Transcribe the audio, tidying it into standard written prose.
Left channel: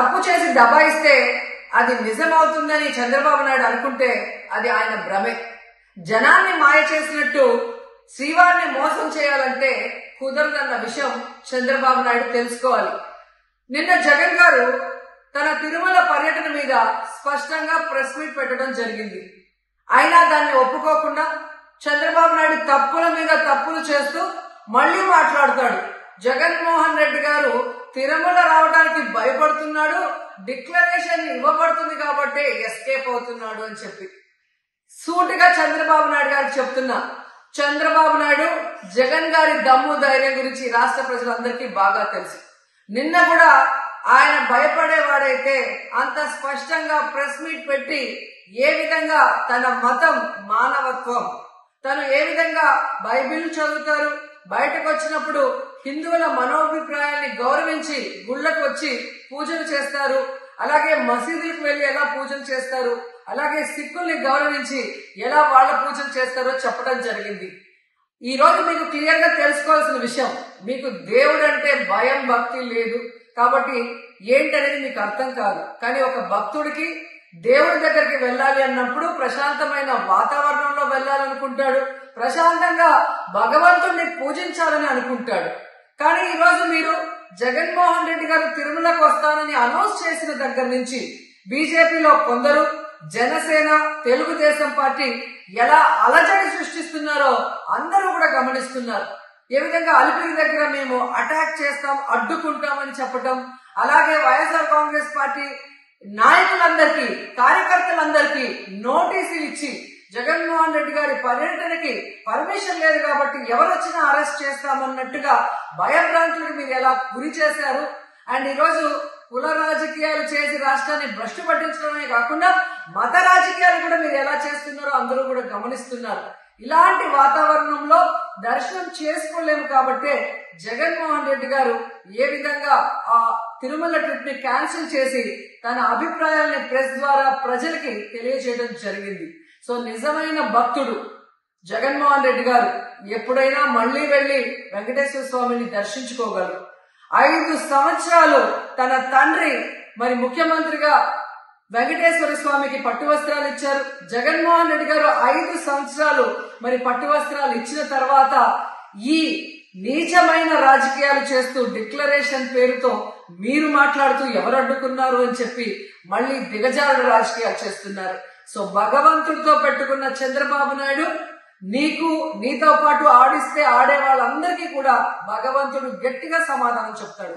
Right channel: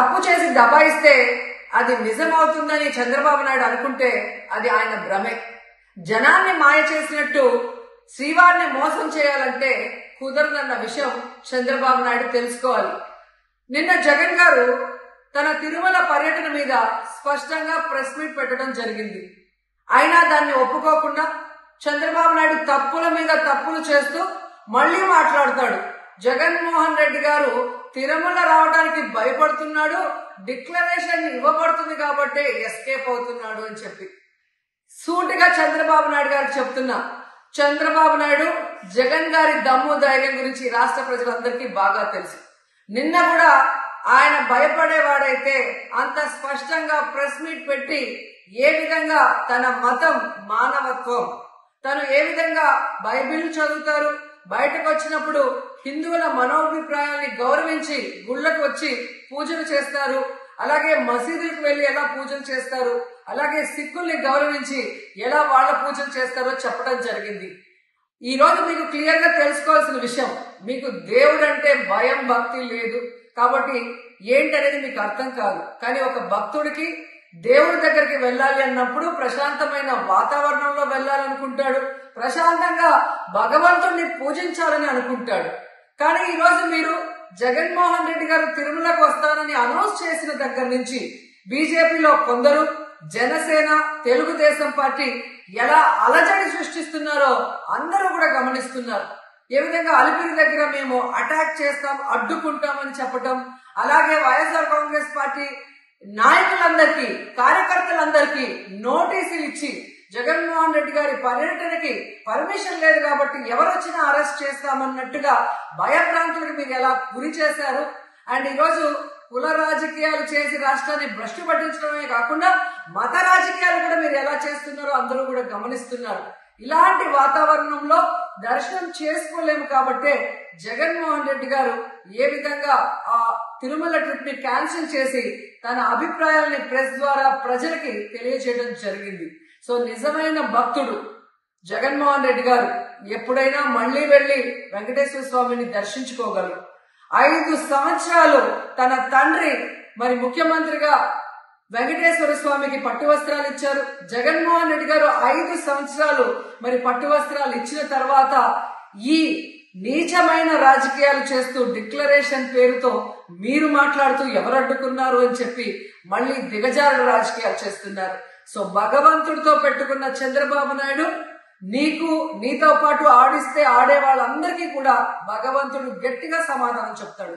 తప్పు చేసి దబాయిస్తే అది నిజమవుతుందని చంద్రబాబు నాయుడు అనుకుంటే అది ఆయన భ్రమే. జనాన్ని మాయ చేసినట్టు శ్రీవారిని మోసం చేయాలంటే కుదరదన్న విషయం చంద్రబాబు నాయుడు తెలుసుకోవాలి. నిన్న జగన్ గారు తన తిరుమల పర్యటన మీద స్పష్టంగా ప్రెస్ మీట్ పెట్టడం జరిగింది. అయినా దాన్ని ఒప్పుకోకుండా చంద్రబాబు నాయుడు తప్పుల మీద తప్పులు చేస్తూ మళ్లీ మాట్లాడతాడు. జగన్మోహన్ రెడ్డి గారు తిరుమల రావడానికి భయపడుతున్నాడు, డిక్లరేషన్ ఇవ్వబడుతుంది కాబట్టి ఎస్కేప్ అవుతున్నాడు అని చెప్పి సూటిగా చంద్రబాబు నాయుడు గారికి చెప్తున్నా. చంద్రబాబు నాయుడు జగన్ గారి దమ్ము ధైర్యం గురించి రాష్ట్ర ప్రజలందరికీ బాగా తెలుసు. నిన్న కూడా ఆయన భయపడేవాడైతే అంత స్పష్టంగా ప్రెస్ మీట్ పెట్టి ఏ విధంగా తన మతం మానవత్వం, తను ఏ విధంగా బైబిల్ చదువుతారు, బయటకు వచ్చినప్పుడు హిందువుల మనోభిప్రాయాల్ని గౌరవించి గుళ్ళకు వచ్చి పూజలు చేస్తారు, అలాగే మసీదులకు వెళ్లి ఎలా పూజలు చేస్తారు, అలాగే సిక్కుల్ని గౌరవించి ఎలా వాళ్ళ పూజలు చేస్తారో చెప్పడం జరిగింది. ఈ రోజు మీకు క్లియర్ గా తెలుసుకోవాల్సిన విషయం, మీకు దేవుడు అంటే భయం భక్తి లేదు కాబట్టి ఏంటనేది మీకు అర్థం కాదు. కానీ ఒక భక్తుడికి దేవుడి దగ్గరికి వెళ్ళాలి అన్నప్పుడు ప్రశాంతమైన వాతావరణంలో వెళ్ళాలనుకుంటాడు, ప్రశాంతంగా భగవంతుడిని పూజించాలని అనుకుంటాడు. కానీ ఈ రోజు మీరు జగన్మోహన్ రెడ్డి గారు తిరుమలకు వస్తానని అనౌన్స్ చేసిన దగ్గర నుంచి బీజేపీలో కొందరు, జనసేన, తెలుగుదేశం పార్టీ ఎలా అలజడి సృష్టిస్తున్నారో అందరూ కూడా గమనిస్తున్నారు. ఏ విధంగా అలిపిరి దగ్గర మేము అటాక్ చేస్తాం, అడ్డుకుంటామని చెప్పటం, అలాగే వైఎస్ఆర్ కాంగ్రెస్ పార్టీ నాయకులందరికీ, కార్యకర్తలందరికీ నోటీసులు ఇచ్చి జగన్మోహన్ రెడ్డి గారి పర్యటనకి పర్మిషన్ లేదు కాబట్టి ఎవరొచ్చినా అరెస్ట్ చేస్తామన్నట్టుగా భయభ్రాంతులకు మీరు ఎలా గురి చేశారు. అండ్ ఈరోజు కుల రాజకీయాలు చేసి రాష్ట్రాన్ని భ్రష్టు పట్టించడమే కాకుండా మత రాజకీయాలు కూడా మీరు ఎలా చేస్తున్నారో అందరూ కూడా గమనిస్తున్నారు. ఇలాంటి వాతావరణంలో దర్శనం చేసుకోలేము కాబట్టే జగన్మోహన్ రెడ్డి గారు ఏ విధంగా ఆ తిరుమల ట్రిప్ ని క్యాన్సిల్ చేసి తన అభిప్రాయాలని ప్రెస్ ద్వారా ప్రజలకి తెలియజేయడం జరిగింది. సో నిజమైన భక్తుడు జగన్మోహన్ రెడ్డి గారు ఎప్పుడైనా మళ్లీ వెళ్లి వెంకటేశ్వర స్వామిని దర్శించుకోగలరు. 5 సంవత్సరాలు తన తండ్రి మరి ముఖ్యమంత్రిగా వెంకటేశ్వర స్వామికి పట్టు వస్త్రాలు ఇచ్చారు. జగన్మోహన్ రెడ్డి గారు 5 సంవత్సరాలు మరి పట్టు వస్త్రాలు ఇచ్చిన తర్వాత ఈ నీచమైన రాజకీయాలు చేస్తూ డిక్లరేషన్ పేరుతో మీరు మాట్లాడుతూ ఎవరు అడ్డుకున్నారు అని చెప్పి మళ్లీ దిగజారుడు రాజకీయాలు చేస్తున్నారు. సో భగవంతుడితో పెట్టుకున్న చంద్రబాబు నాయుడు నీతో పాటు ఆడిస్తే ఆడే వాళ్ళందరికీ కూడా భగవంతుడు గట్టిగా సమాధానం చెప్తాడు.